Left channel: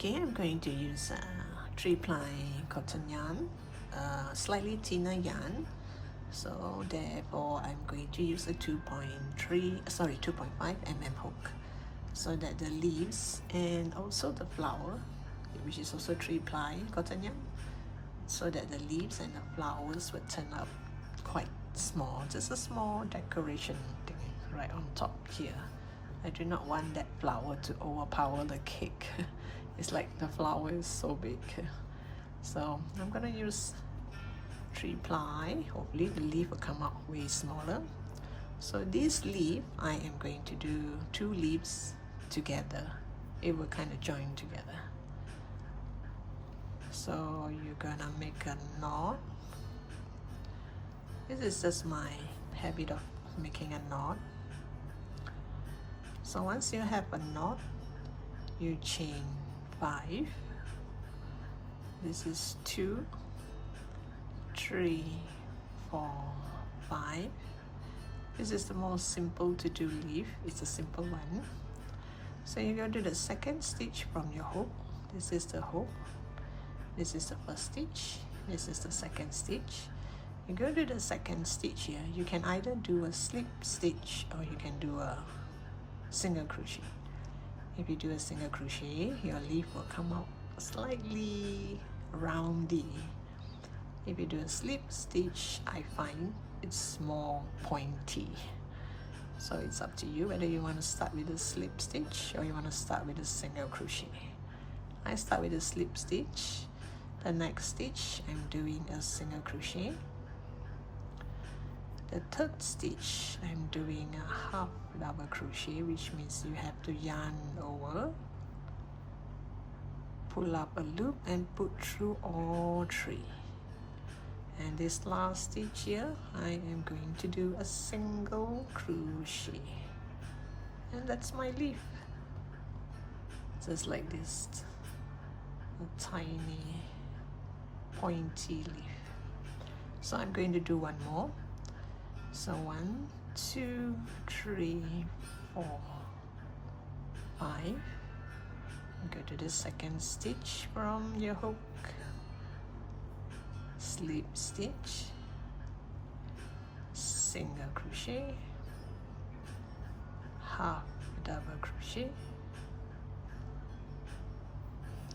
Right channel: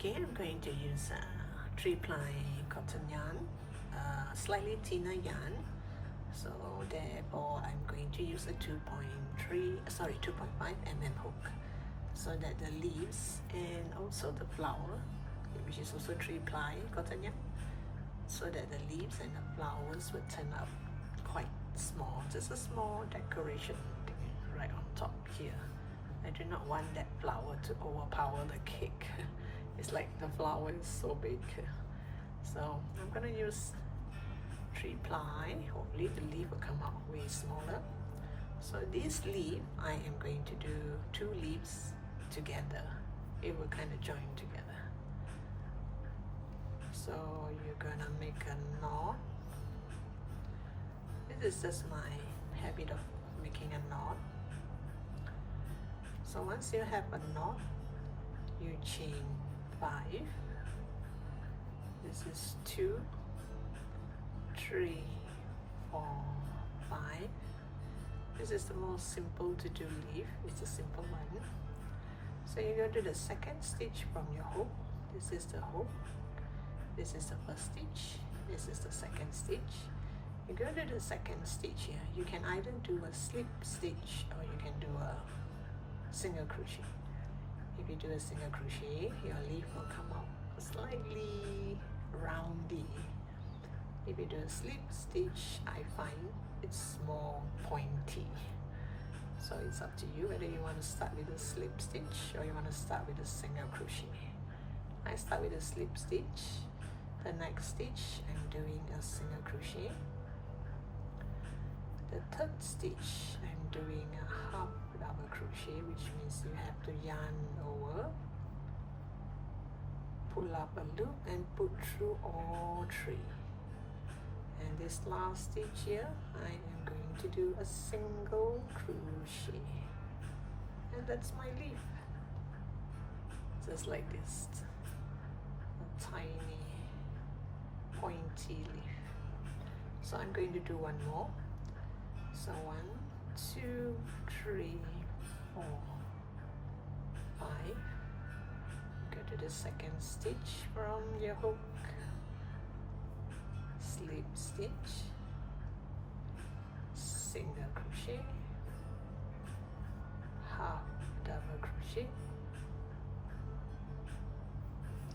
Okay, I'm going to use 3-ply cotton yarn, slightly thinner yarn. So therefore, I'm going to use a 2.5 mm hook, so that the leaves and also the flower, which is also 3-ply cotton yarn, so that the leaves and the flowers will turn out quite small, just a small decoration thing right on top here. I do not want that flower to overpower the cake. It's like the flower is so big. So I'm gonna use 3-ply. Hopefully the leaf will come out way smaller. So this leaf, I am going to do 2 leaves together. It will kind of join together. So you're gonna make a knot. This is just my habit of making a knot. So once you have a knot, you chain 5. This is 2, 3, 4, 5. This is the most simple to do leaf. It's a simple one. So you go to the second stitch from your hook. This is the hook. This is the first stitch. This is the second stitch. You go to the second stitch here. You can either do a slip stitch or you can do a single crochet. If you do a single crochet, your leaf will come out slightly roundy. If you do a slip stitch, I find it's more pointy. So it's up to you whether you want to start with a slip stitch or you want to start with a single crochet. I start with a slip stitch. The next stitch, I'm doing a single crochet. The third stitch, I'm doing a half double crochet, which means you have to yarn over, pull up a loop and put through all 3. And this last stitch here, I am going to do a single crochet, and that's my leaf, just like this, a tiny pointy leaf. So I'm going to do one more. So 1, 2, 3, 4, 5. Go to the second stitch from your hook, slip stitch, single crochet, half double crochet,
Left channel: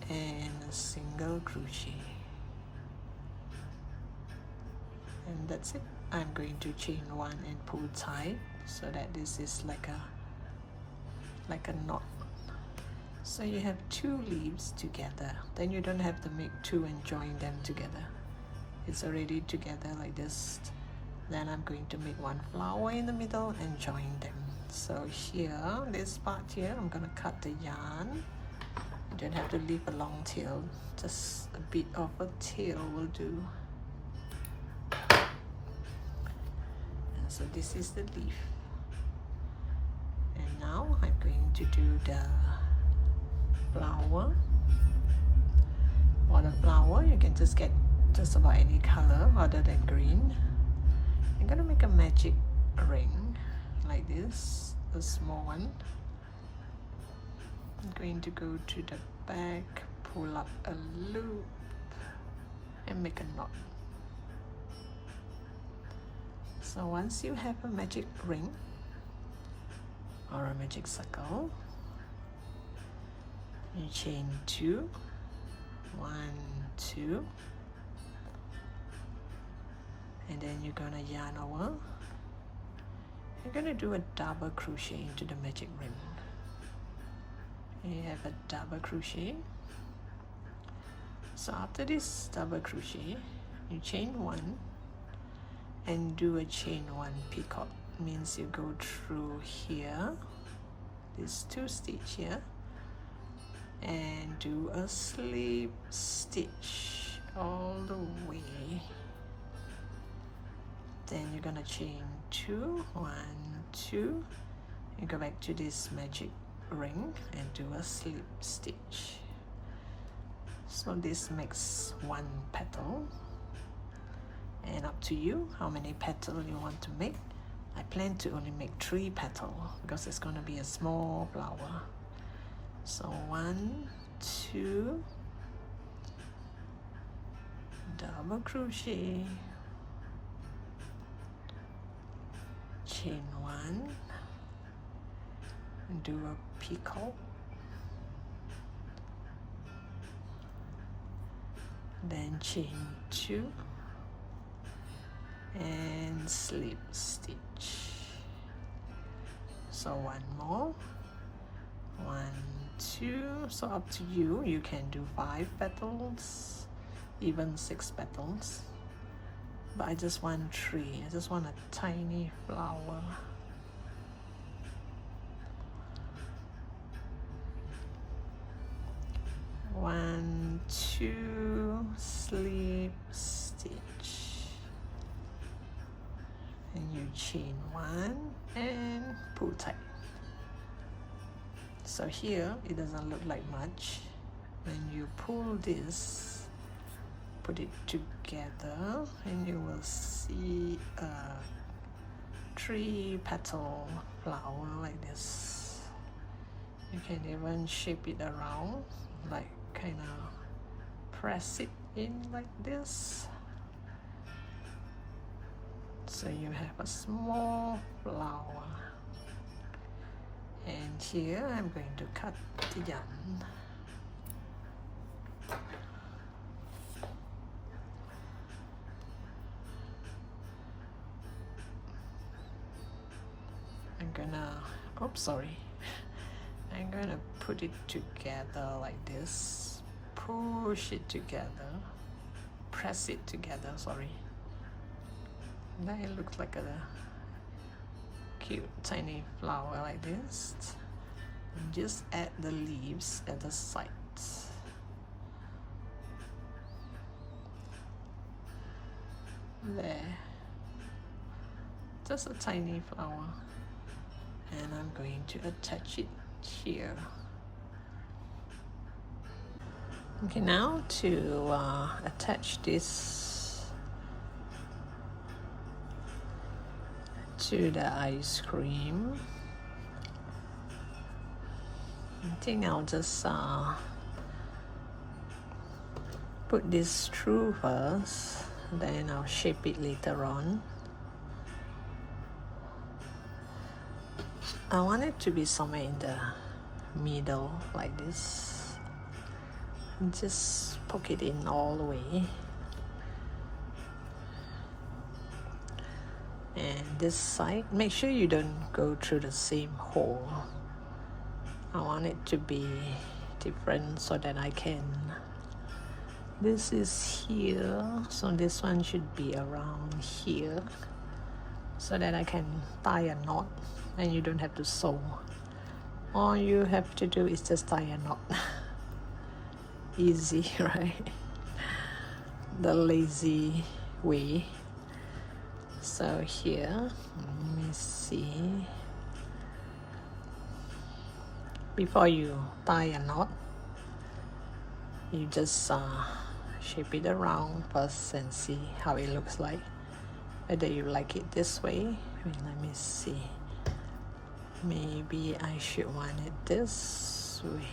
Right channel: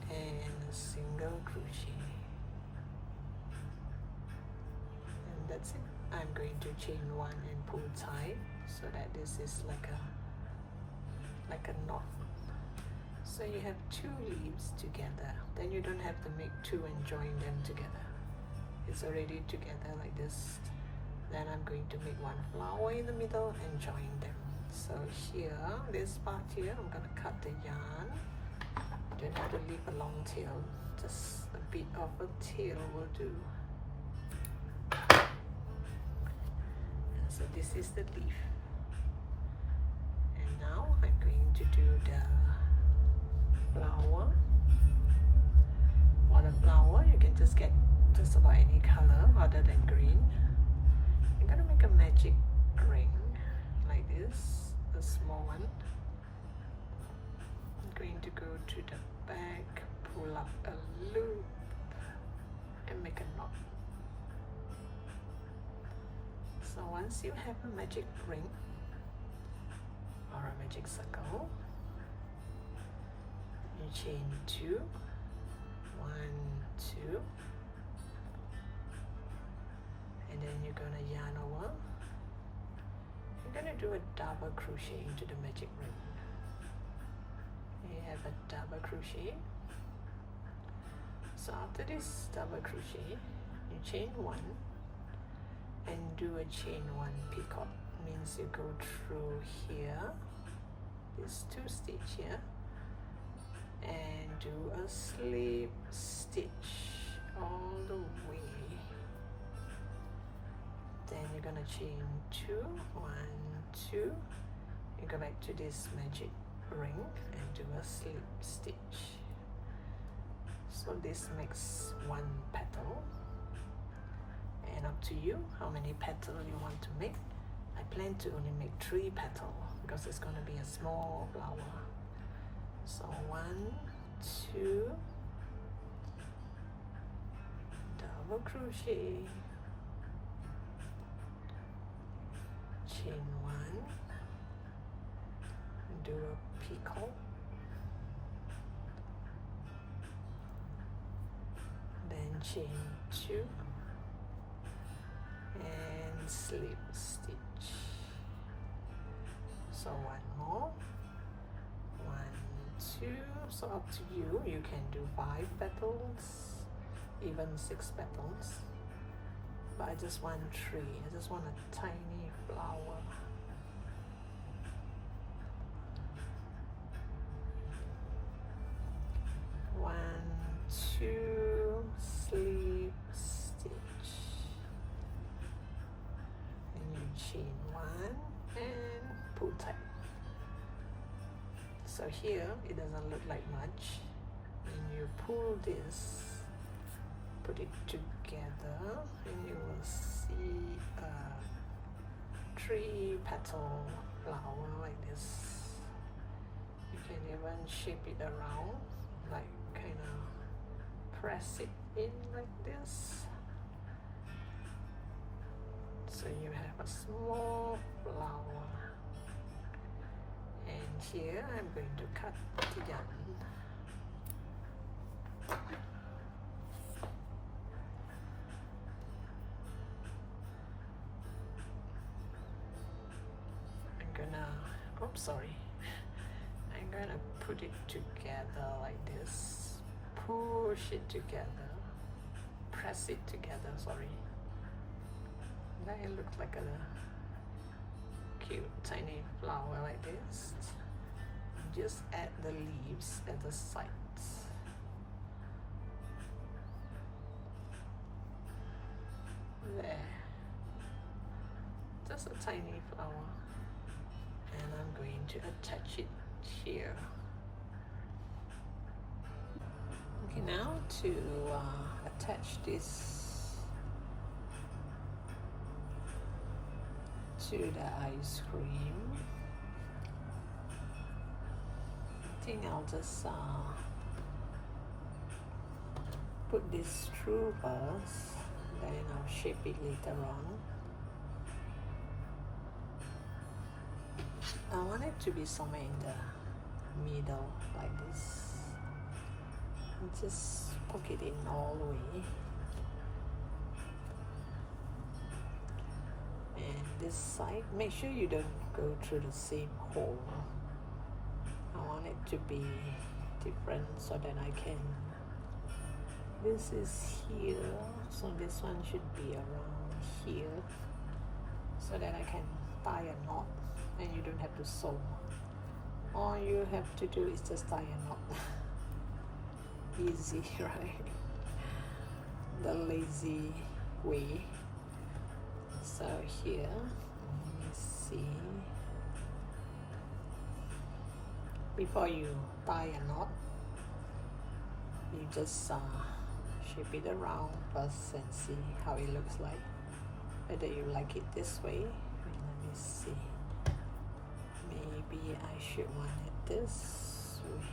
and a single crochet, and that's it. I'm going to chain 1 and pull tight so that this is like a knot. So you have 2 leaves together, then you don't have to make 2 and join them together. It's already together like this. Then I'm going to make 1 flower in the middle and join them. So here, this part here, I'm gonna cut the yarn. You don't have to leave a long tail, just a bit of a tail will do. So this is the leaf, and now I'm going to do the flower. For the flower, you can just get just about any color other than green. I'm gonna make a magic ring like this, a small one. I'm going to go to the back, pull up a loop and make a knot. So once you have a magic ring or a magic circle, you chain 2, 1, 2, and then you're gonna yarn over. You're gonna do a double crochet into the magic ring. You have a double crochet. So after this double crochet, you chain 1 and do a chain 1 picot. Means you go through here, this 2 stitch here, and do a slip stitch all the way. Then you're gonna chain 2, 1, 2, and go back to this magic ring and do a slip stitch. So this makes 1 petal. And up to you how many petals you want to make. I plan to only make 3 petals because it's going to be a small flower. So 1, 2, double crochet, chain 1, do a picot, then chain 2 and slip stitch. So one more, 1, 2, so up to you, you can do 5 petals, even 6 petals, but I just want 3, I just want a tiny flower. One, 2, slip stitch, and you chain 1 and pull tight. So here it doesn't look like much. When you pull this, put it together, and you will see a 3 petal flower like this. You can even shape it around, like kind of press it in like this, so you have a small flower. And here I'm going to cut the yarn. I'm gonna put it together like this, push it together, press it together, sorry. Now it looks like a cute tiny flower like this. Just add the leaves at the sides. There, just a tiny flower, and I'm going to attach it here. Okay, now to attach this to the ice cream, I think I'll just put this through first, then I'll shape it later on. I want it to be somewhere in the middle like this. Just poke it in all the way. And this side, make sure you don't go through the same hole. I want it to be different so that I can, this is here, so this one should be around here, so that I can tie a knot and you don't have to sew. All you have to do is just tie a knot. Easy, right? The lazy way. So here, let me see. Before you tie a knot, you just shape it around first and see how it looks like. Whether you like it this way. Let me see. Maybe I should want it this way.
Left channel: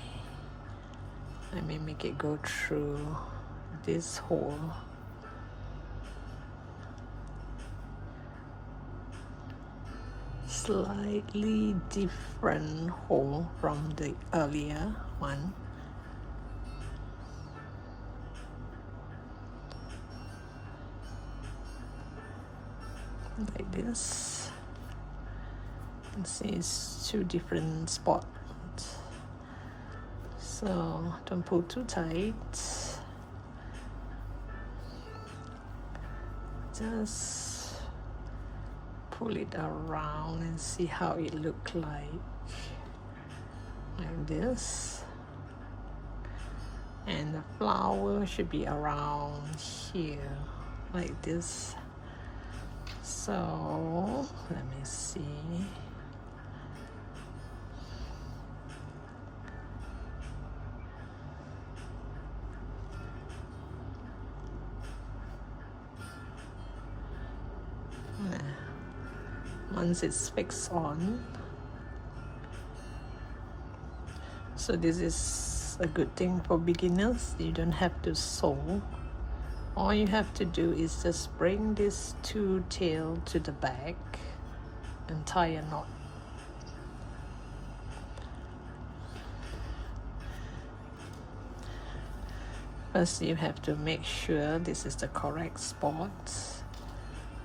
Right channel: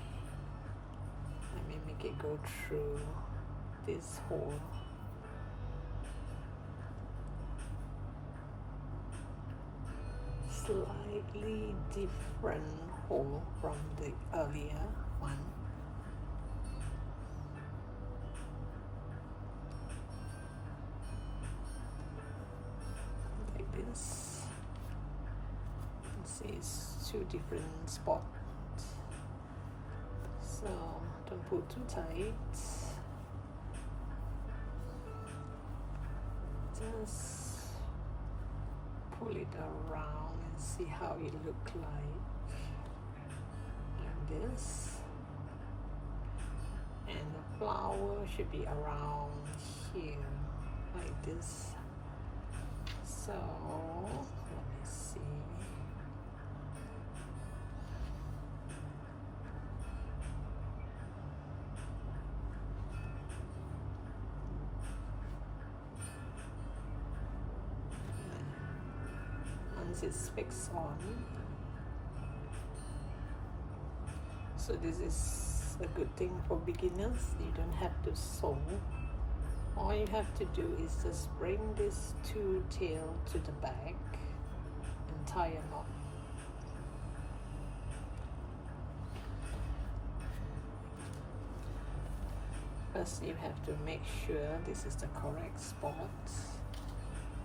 Let me make it go through this hole. Slightly different hole from the earlier one. Like this. You can see it's 2 different spots. So don't pull too tight. Just pull it around and see how it looks like this. And the flower should be around here like this. So let me see. Once it's fixed on, so this is a good thing for beginners. You don't have to sew. All you have to do is just bring this two tail to the back and tie a knot. First you have to make sure this is the correct spot.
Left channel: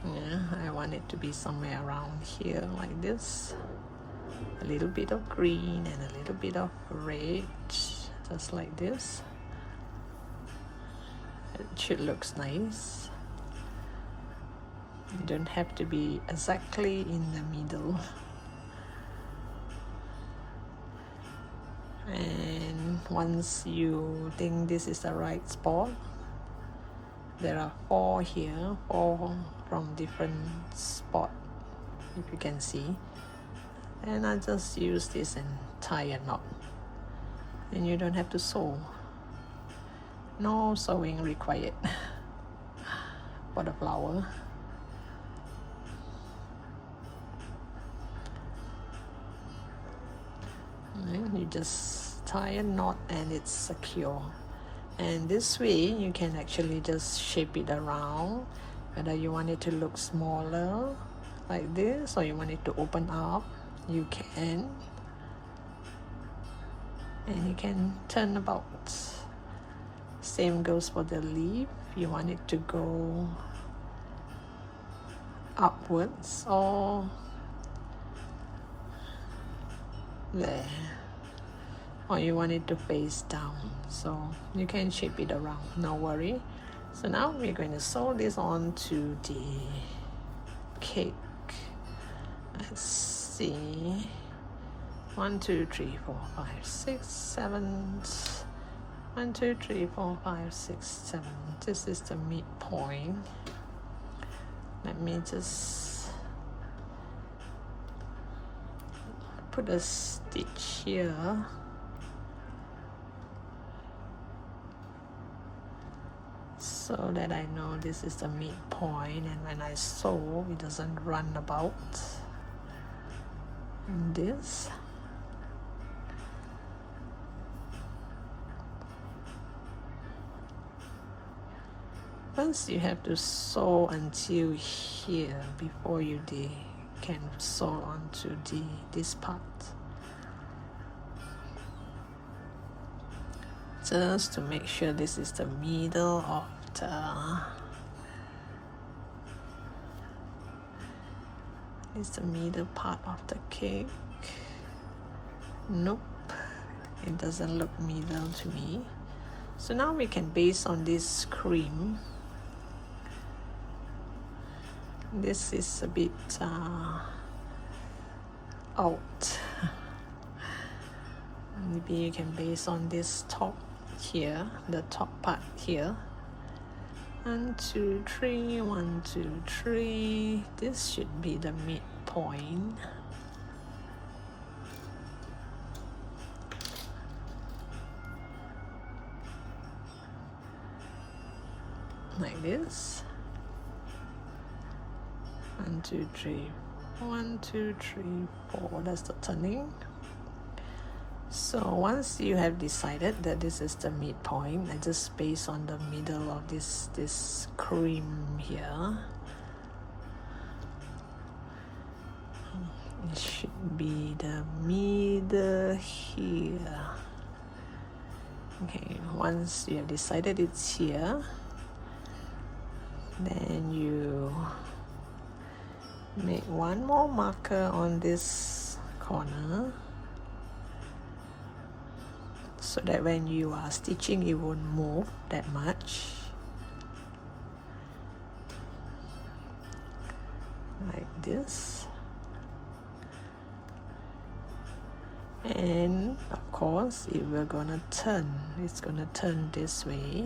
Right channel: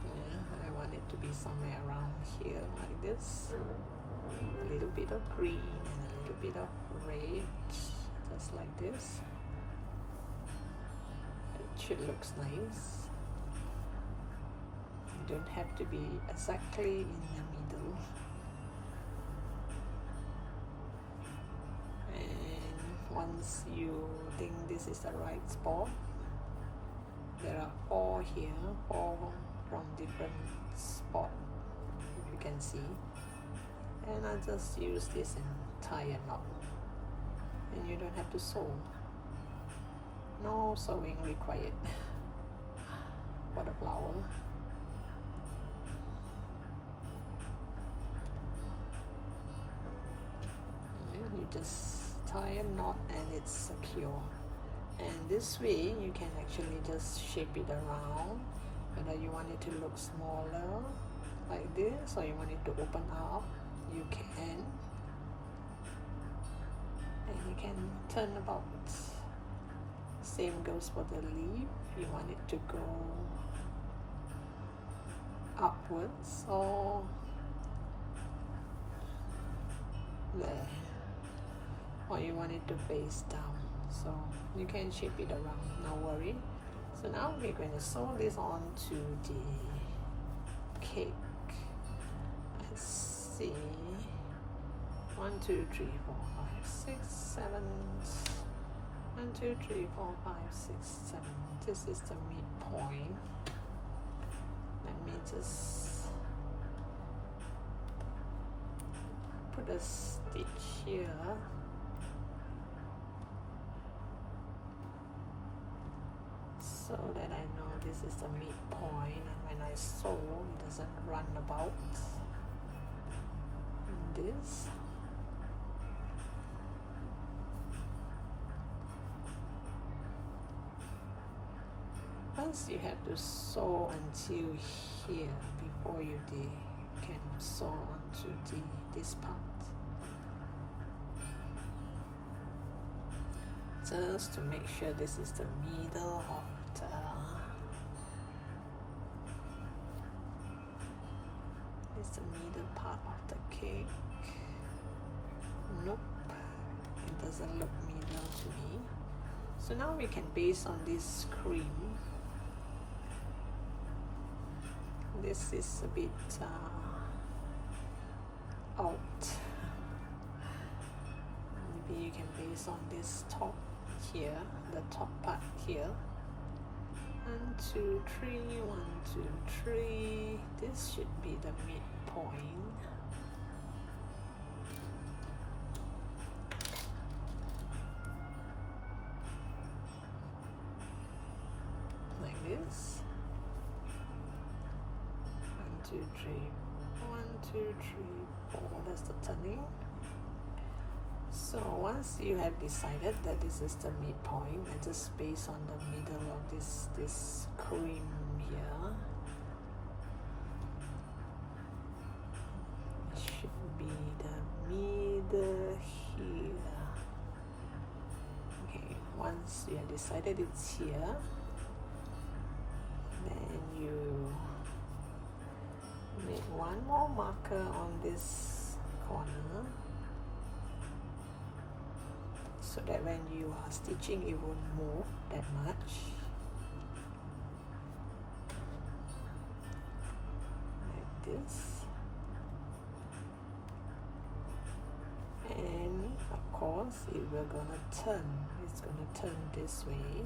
Yeah, I want it to be somewhere around here like this. A little bit of green and a little bit of red, just like this. It should look nice. You don't have to be exactly in the middle. And once you think this is the right spot, there are 4 here, 4 from different spots, if you can see. And I just use this and tie a knot. And you don't have to sew. No sewing required for the flower. And you just tie a knot and it's secure. And this way you can actually just shape it around, whether you want it to look smaller like this or you want it to open up, you can. And you can turn about. Same goes for the leaf. You want it to go upwards or there, or you want it to face down, so you can shape it around, no worry. So now we're going to sew this on to the cake. Let's see, 1 2 3 4 5 6 7. 1 2 3 4 5 6 7. This is the midpoint. Let me just put a stitch here. So that I know this is the midpoint, and when I sew it doesn't run about in this. Once you have to sew until here before you can sew onto this part. Just to make sure this is the middle of the middle part of the cake. Nope, it doesn't look middle to me. So now we can base on this cream. This is a bit out. Maybe you can base on this top here, the top part here. 1 2 3, 1 2 3. This should be the midpoint. Like this. 1 2 3, 1 2 3 4. That's the turning. So once you have decided that this is the midpoint, and just base on the middle of this cream here. It should be the middle here. Okay, once you have decided it's here, then you make 1 more marker on this corner, so that when you are stitching it won't move that much. Like this. And of course it will gonna turn. It's gonna turn this way.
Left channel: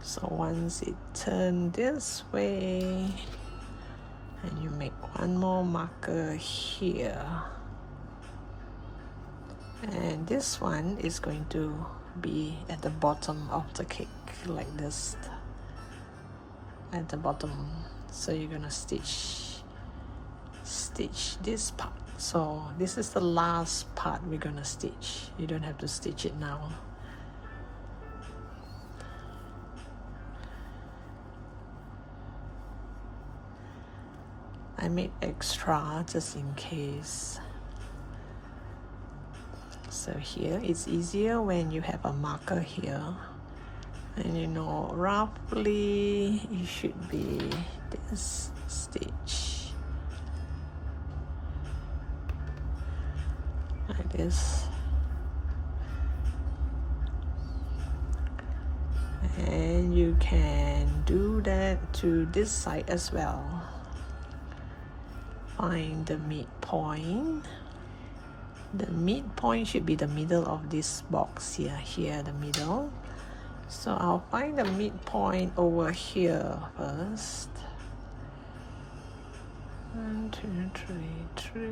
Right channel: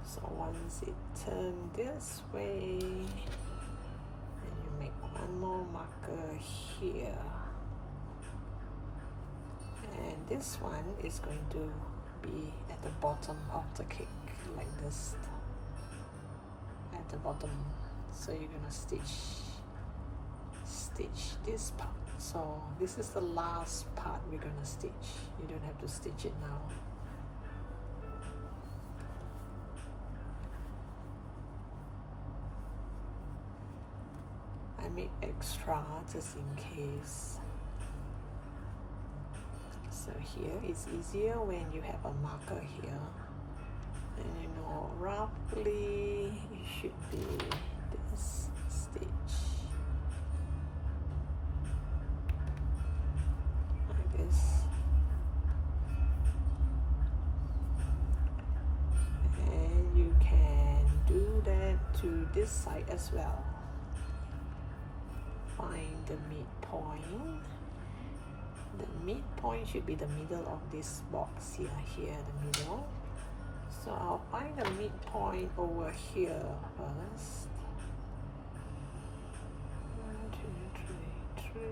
So once it turns this way, and you make 1 more marker here. And this one is going to be at the bottom of the cake, like this, at the bottom. So you're gonna stitch this part. So this is the last part we're gonna stitch. You don't have to stitch it now. I made extra just in case. So here it's easier when you have a marker here, and you know roughly it should be this stitch like this, and you can do that to this side as well. Find the midpoint. The midpoint should be the middle of this box here, the middle. So I'll find the midpoint over here first. 1, 2, 3, 3.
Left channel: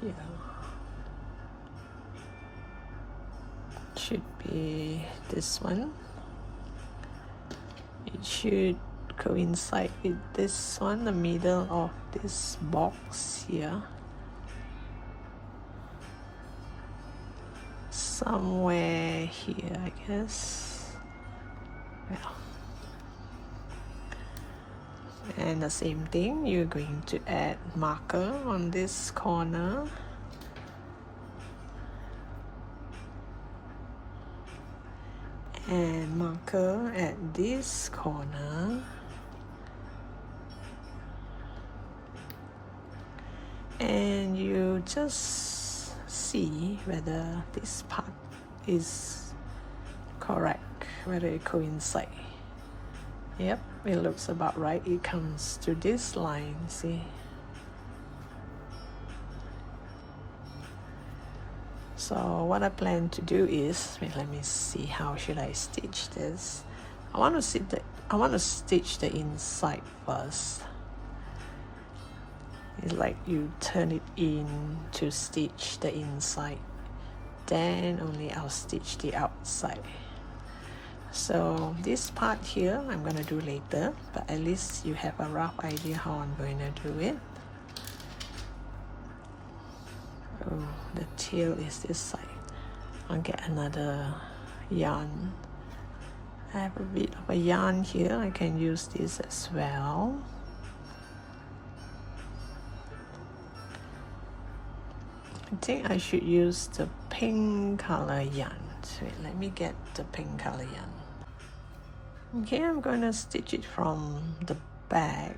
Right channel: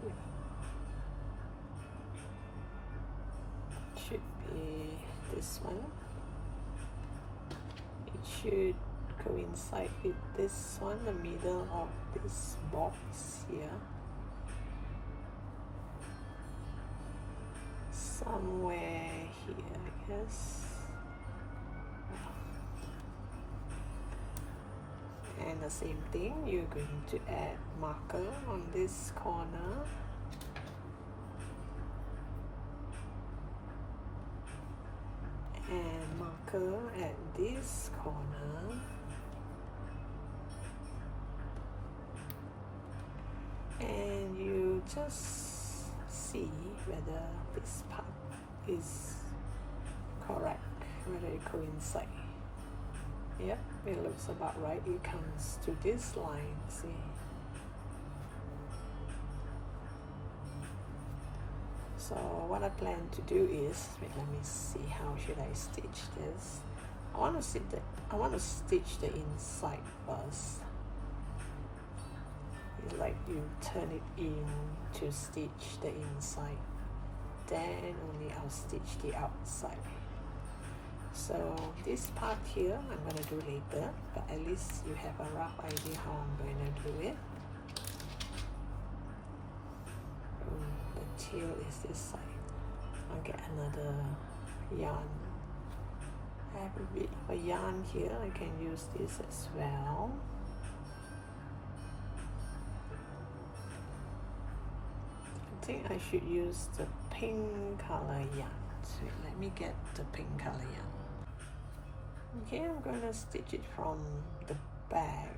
Here. Should be this one. It should coincide with this one, the middle of this box here. Somewhere here, I guess. Yeah. And the same thing, you're going to add marker on this corner. And marker at this corner. And you just see whether this part is correct, whether it coincides. Yep, it looks about right. It comes to this line, see? So what I plan to do is, let me see, how should I stitch this? I want to stitch the inside first. It's like you turn it in to stitch the inside, then only I'll stitch the outside. So this part here I'm gonna do later, but at least you have a rough idea how I'm going to do it. Oh, the tail is this side. I'll get another yarn. I have a bit of a yarn here, I can use this as well. I think I should use the pink color yarn. Wait, let me get the pink color yarn. Okay, I'm going to stitch it from the back.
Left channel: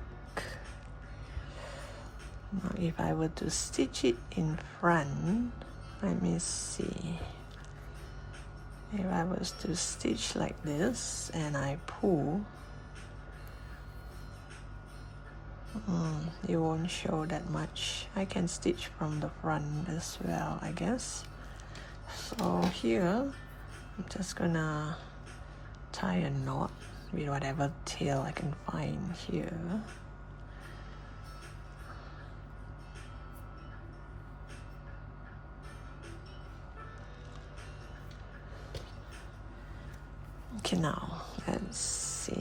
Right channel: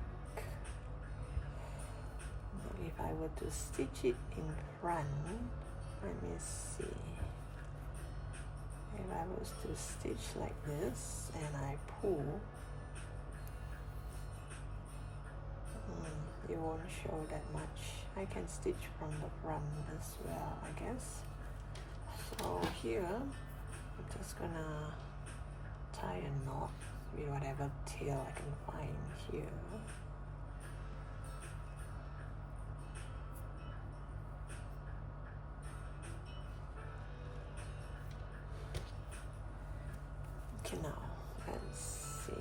Now if I were to stitch it in front, let me see. If I was to stitch like this and I pull, it won't show that much. I can stitch from the front as well, I guess. So here, I'm just gonna tie a knot with whatever tail I can find here. Okay, now let's see.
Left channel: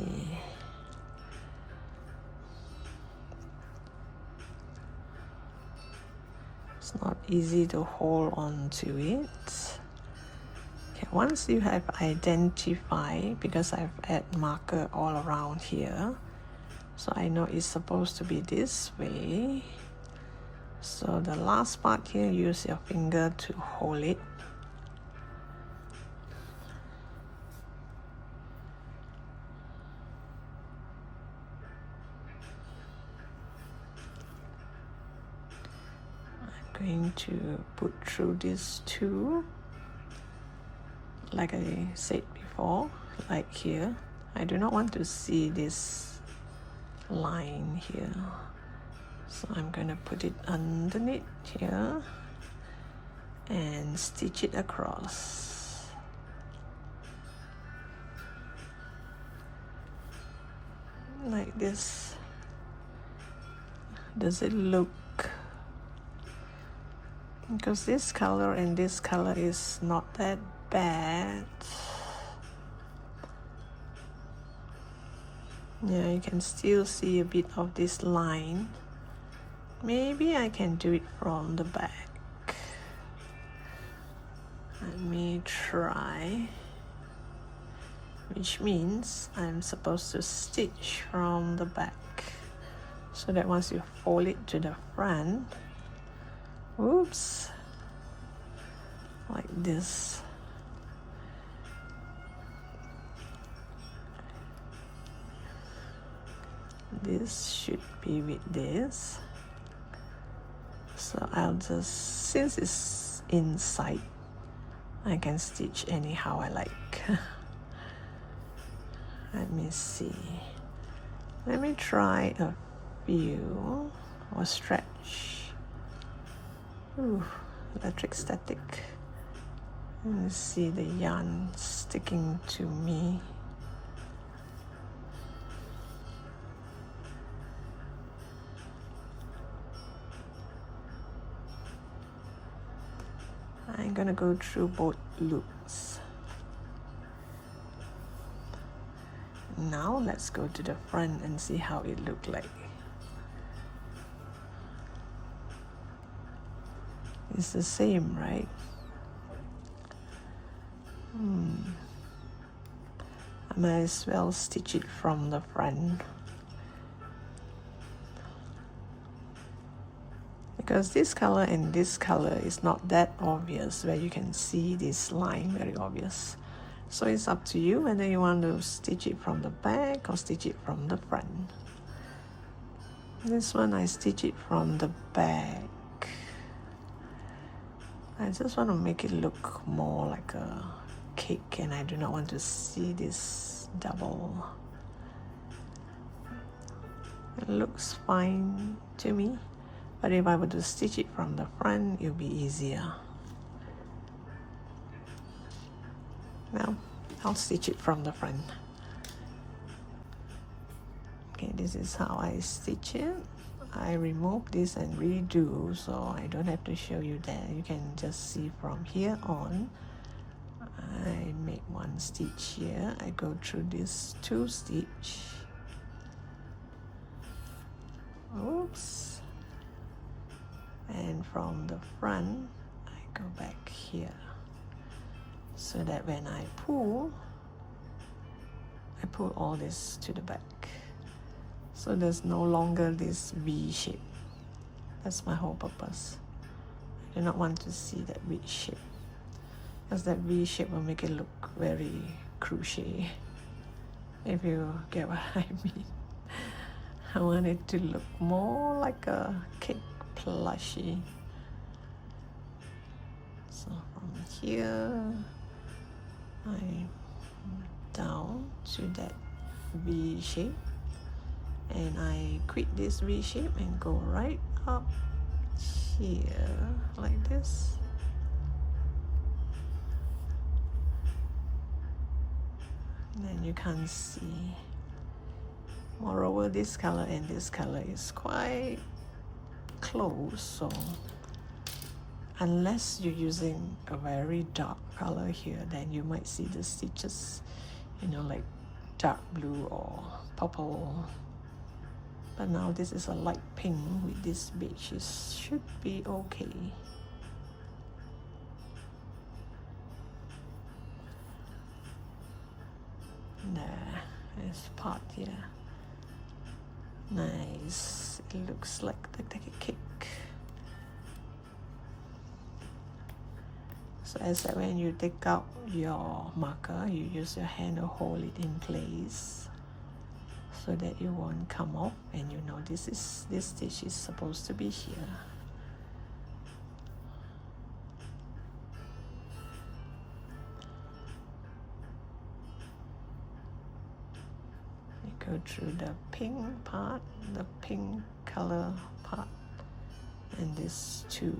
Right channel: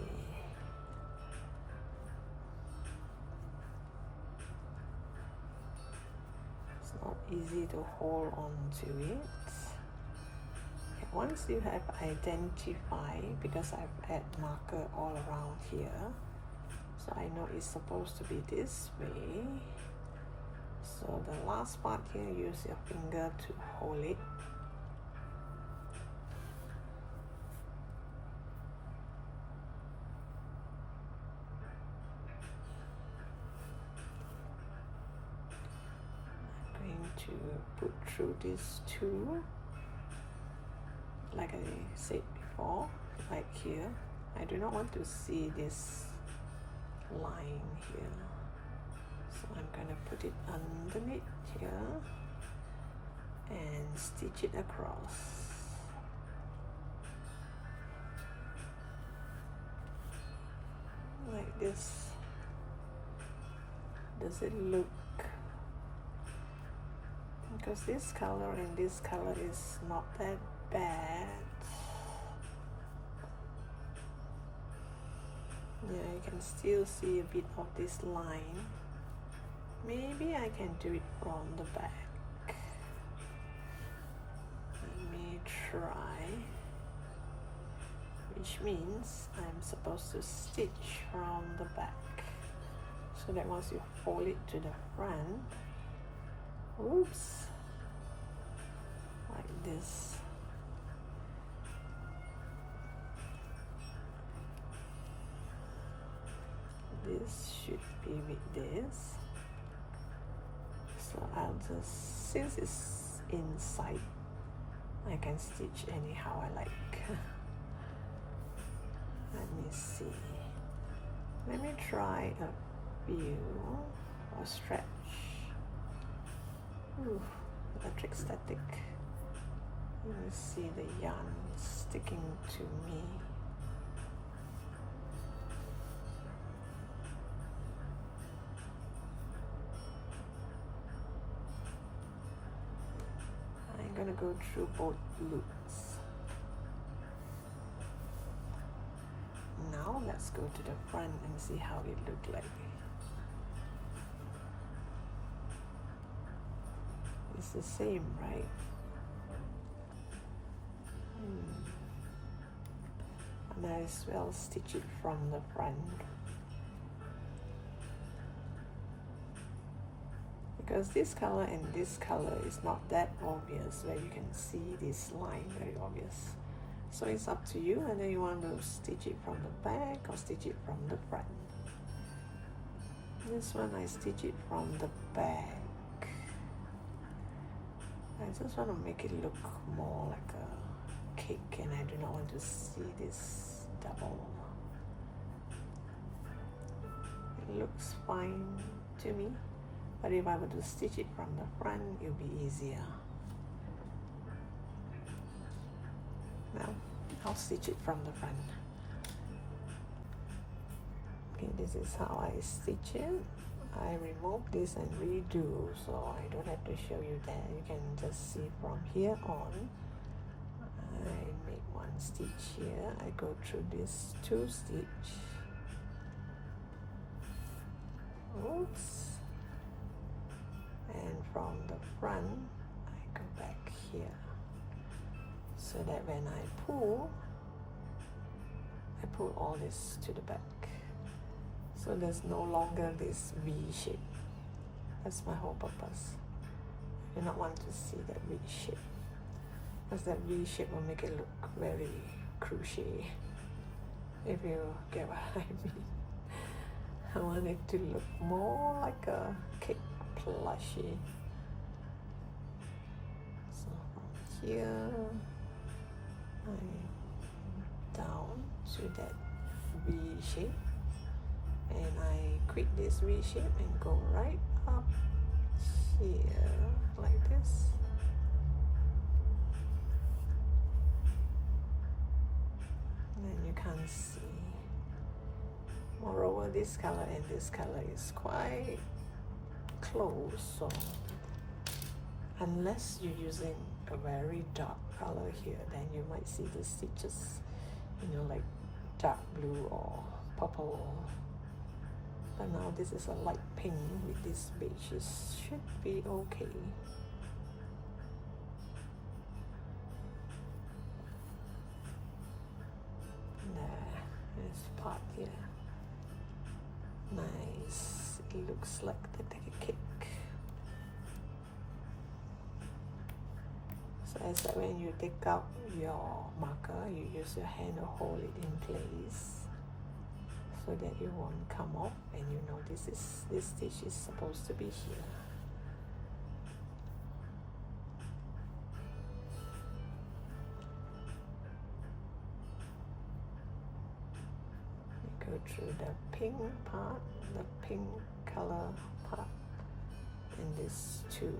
It's not easy to hold on to it. Okay, once you have identified, because I've added marker all around here, so I know it's supposed to be this way. So the last part here, use your finger to hold it. Going to put through these two, like I said before, like here. I do not want to see this line here, so I'm going to put it underneath here and stitch it across. Like this. Does it look, because this color and this color is not that bad. Yeah, you can still see a bit of this line, Maybe I can do it from the back. Let me try. Which means I'm supposed to stitch from the back, so that once you fold it to the front, oops, like this. This should be with this. So I'll just, since it's inside, I can stitch anyhow I like. Let me see. Let me try a few or stretch. Ooh, electric static. Let me see the yarn sticking to me. I'm gonna go through both loops. Now let's go to the front and see how it looked like. It's the same, right? I might as well stitch it from the front, because this color and this color is not that obvious, where you can see this line very obvious. So it's up to you whether you want to stitch it from the back or stitch it from the front. This one I stitch it from the back. I just want to make it look more like a cake, and I do not want to see this double. It looks fine to me, but if I were to stitch it from the front, it would be easier. Now I'll stitch it from the front. Okay, this is how I stitch it. I remove this and redo, so I don't have to show you that. You can just see from here on. I make one stitch here. I go through this 2 stitch. Oops. And from the front, I go back here, so that when I pull all this to the back. So there's no longer this V shape. That's my whole purpose. I do not want to see that V shape, because that V shape will make it look very crochet, if you get what I mean. I want it to look more like a cake plushie. So from here, I down to that V shape, and I quit this V shape and go right up here like this. And you can't see. Moreover, this color and this color is quite close, so unless you're using a very dark color here, then you might see the stitches, you know, like dark blue or purple. But now this is a light pink with this beige. It should be okay. There's part here. Nice. It looks like a cake. So as that when you take out your marker, you use your hand to hold it in place, so that it won't come off, and you know this stitch is supposed to be here. You go through the pink part, the pink color part, and this 2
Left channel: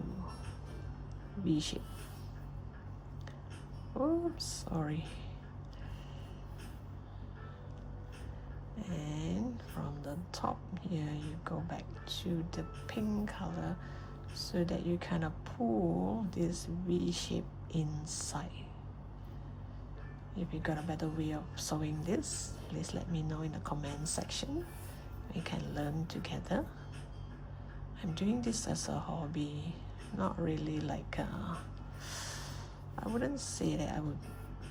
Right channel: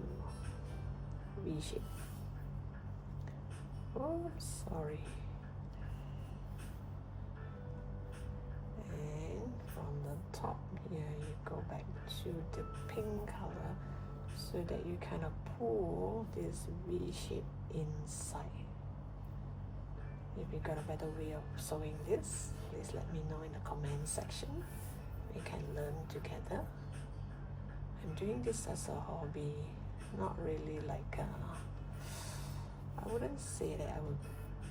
V shape. Oops, sorry. And from the top here, you go back to the pink color, so that you kind of pull this V shape inside. If you got a better way of sewing this, please let me know in the comment section. We can learn together. I'm doing this as a hobby, not really like I wouldn't say that I would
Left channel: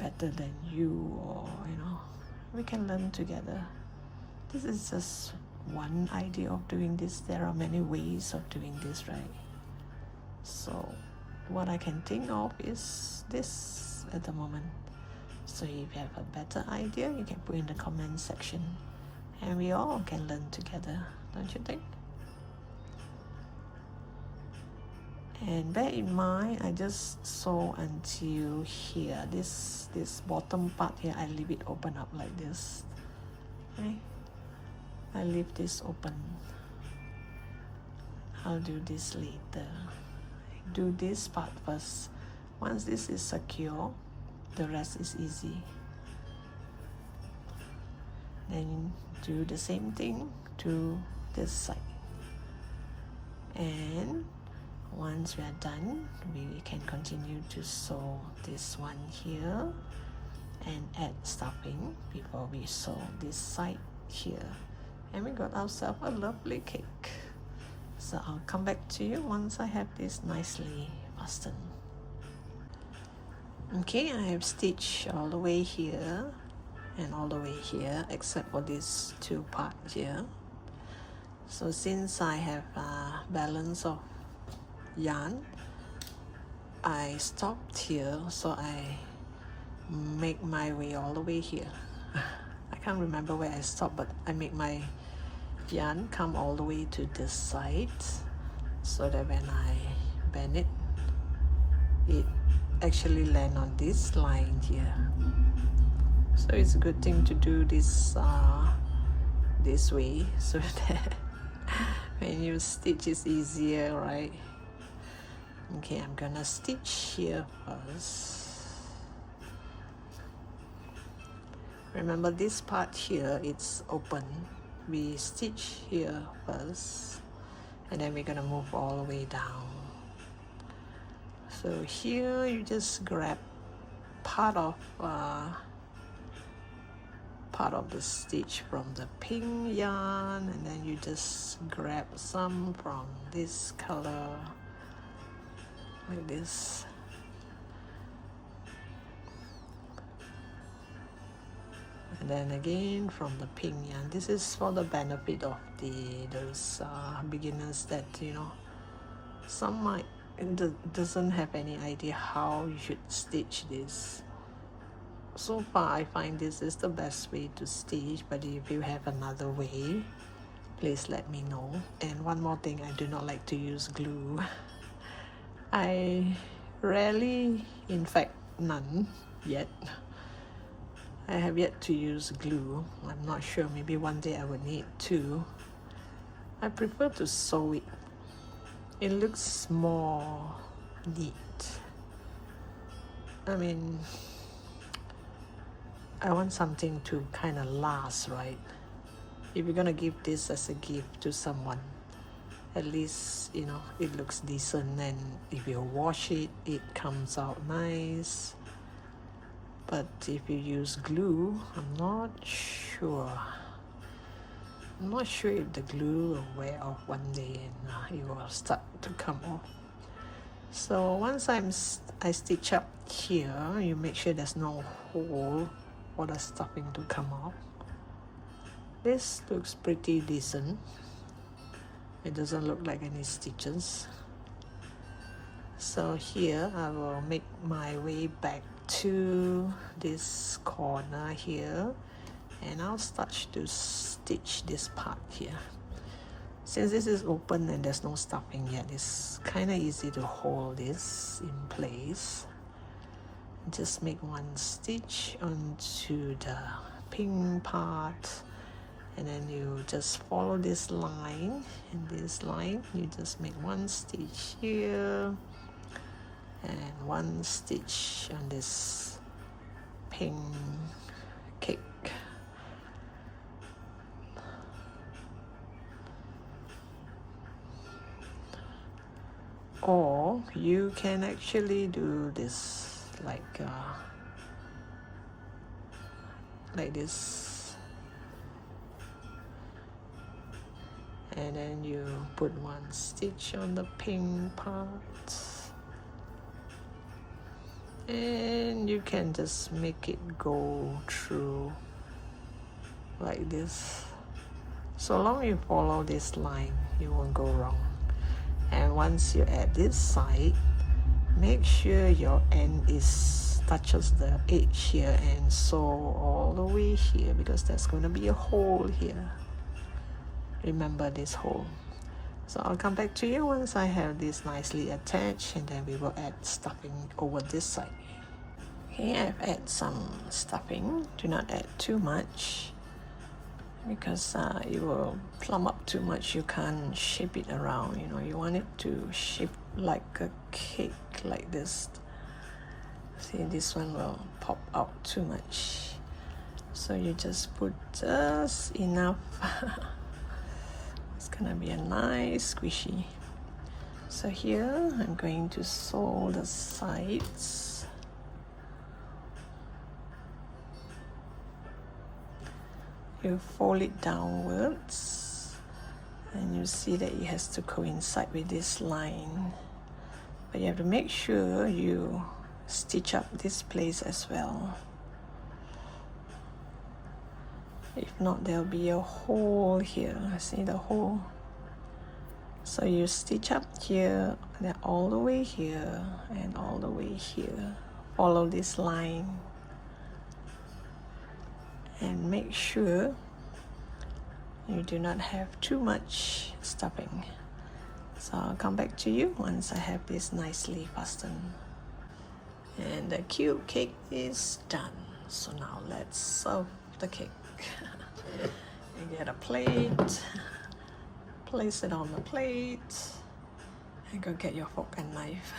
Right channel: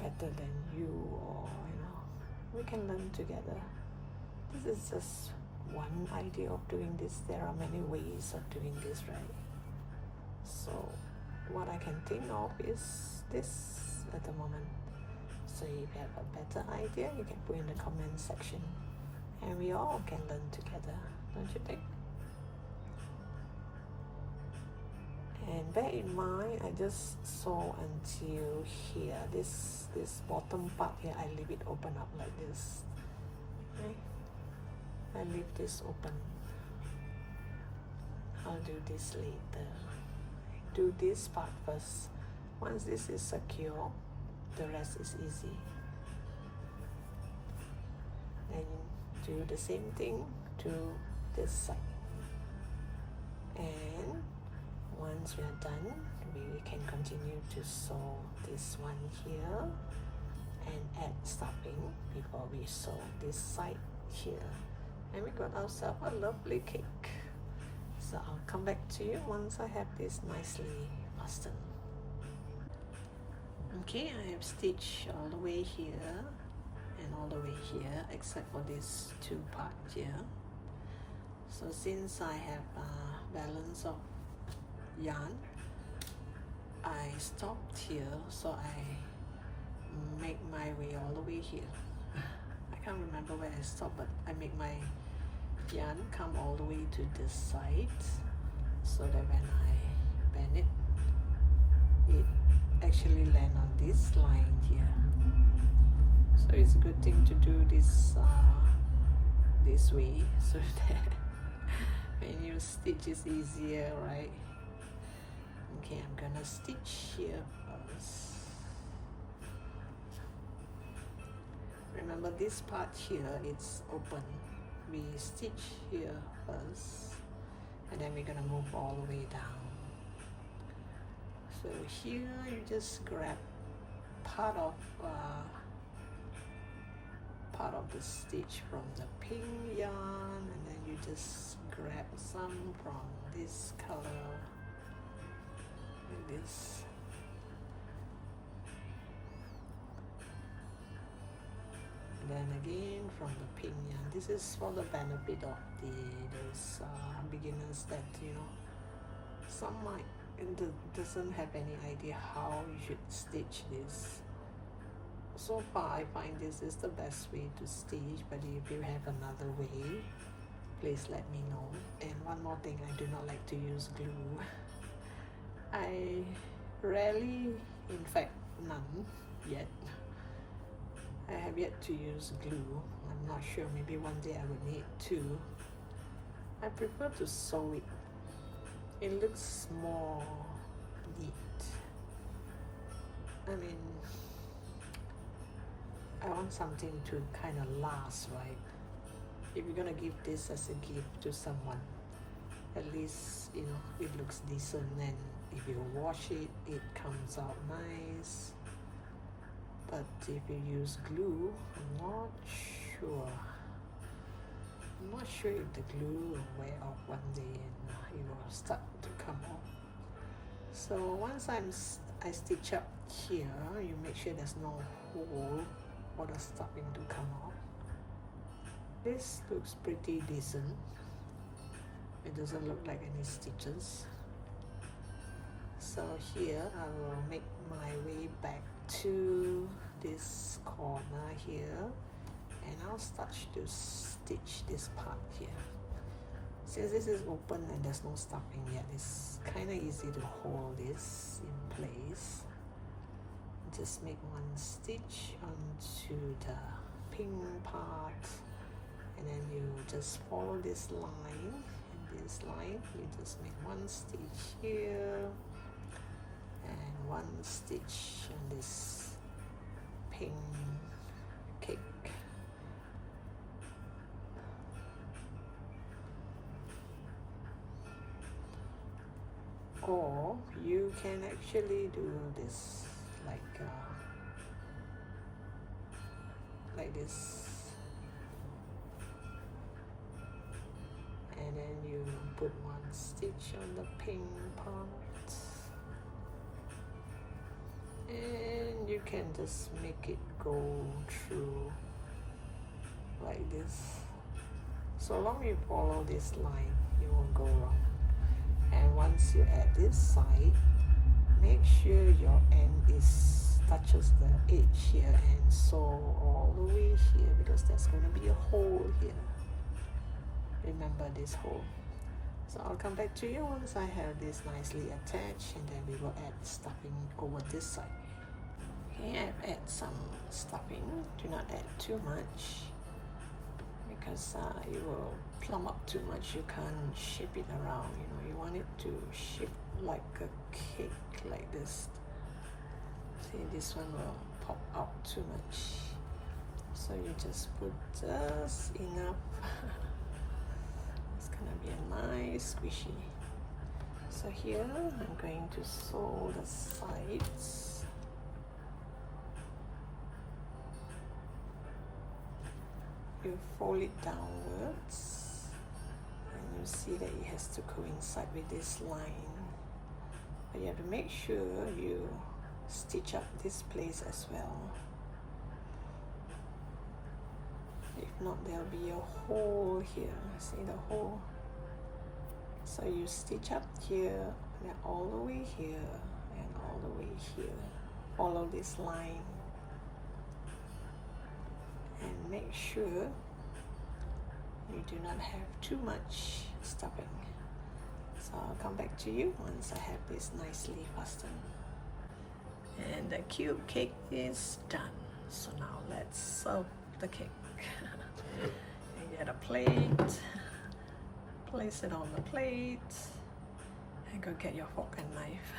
better than you, or we can learn together. This is just one idea of doing this. There are many ways of doing this, right? So what I can think of is this at the moment. So if you have a better idea, you can put in the comment section and we all can learn together, don't you think? And bear in mind, I just sew until here. This bottom part here, I leave it open up like this. Okay? I leave this open. I'll do this later. Do this part first. Once this is secure, the rest is easy. Then do the same thing to this side. And once we are done, we can continue to sew this one here and add stuffing before we sew this side here. And we got ourselves a lovely cake. So I'll come back to you once I have this nicely fastened. Okay, I have stitched all the way here and all the way here except for these two parts here. So since I have a balance of yarn, I stopped here, so I make my way all the way here. I can't remember where I stopped, but I make my yarn come all the way to this side so that when I bend it, it actually land on this line here. So it's a good thing to do this this way so that when you stitch it's easier, right? Okay, I'm gonna stitch here first. Remember this part here, it's open. We stitch here first and then we're gonna move all the way down. So here you just grab part of the stitch from the pink yarn, and then you just grab some from this color like this. And then again from the pink yarn. This is for the benefit of those beginners that some might doesn't have any idea how you should stitch this. So far I find this is the best way to stitch, but if you have another way, please let me know. And one more thing, I do not like to use glue. I rarely, in fact none yet, I have yet to use glue. I'm not sure, maybe one day I would need to. I prefer to sew it. It looks more neat. I mean, I want something to kind of last, right? If you're gonna give this as a gift to someone, at least it looks decent, and if you wash it, it comes out nice. But if you use glue, I'm not sure if the glue will wear off one day and it will start to come off. So once I stitch up here, you make sure there's no hole for the stuffing to come off. This looks pretty decent. It doesn't look like any stitches. So here I will make my way back to this corner here, and I'll start to stitch this part here. Since this is open and there's no stuffing yet, it's kind of easy to hold this in place. Just make one stitch onto the pink part, and then you just follow this line, and this line you just make one stitch here and one stitch on this pink cake. Or you can actually do this like this, and then you put one stitch on the pink part, and you can just make it go through like this. So long you follow this line, you won't go wrong. And once you add this side, make sure your end touches the edge here and sew all the way here, because there's going to be a hole here. Remember this hole. So I'll come back to you once I have this nicely attached, and then we will add stuffing over this side. Okay, I've added some stuffing. Do not add too much, because you will plump up too much. You can't shape it around. You know, you want it to shape like a cake, like this. See, this one will pop out too much, so you just put just enough. It's gonna be a nice squishy. So here I'm going to sew the sides. You fold it downwards, and you see that it has to coincide with this line, but you have to make sure you stitch up this place as well. If not, there'll be a hole here. See the hole? So you stitch up here, then all the way here, and all the way here. Follow this line, and make sure you do not have too much stuffing. So I'll come back to you once I have this nicely fastened. And the cute cake is done. So now let's serve the cake. You get a plate, place it on the plate, and go get your fork and knife.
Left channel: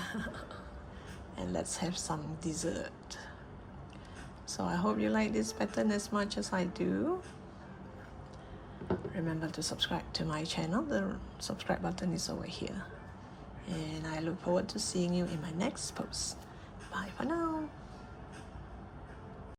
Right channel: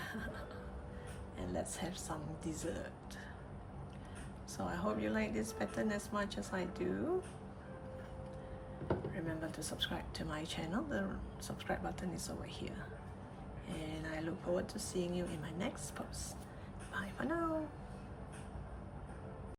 And let's have some dessert. So I hope you like this pattern as much as I do. Remember to subscribe to my channel. The subscribe button is over here. And I look forward to seeing you in my next post. Bye for now.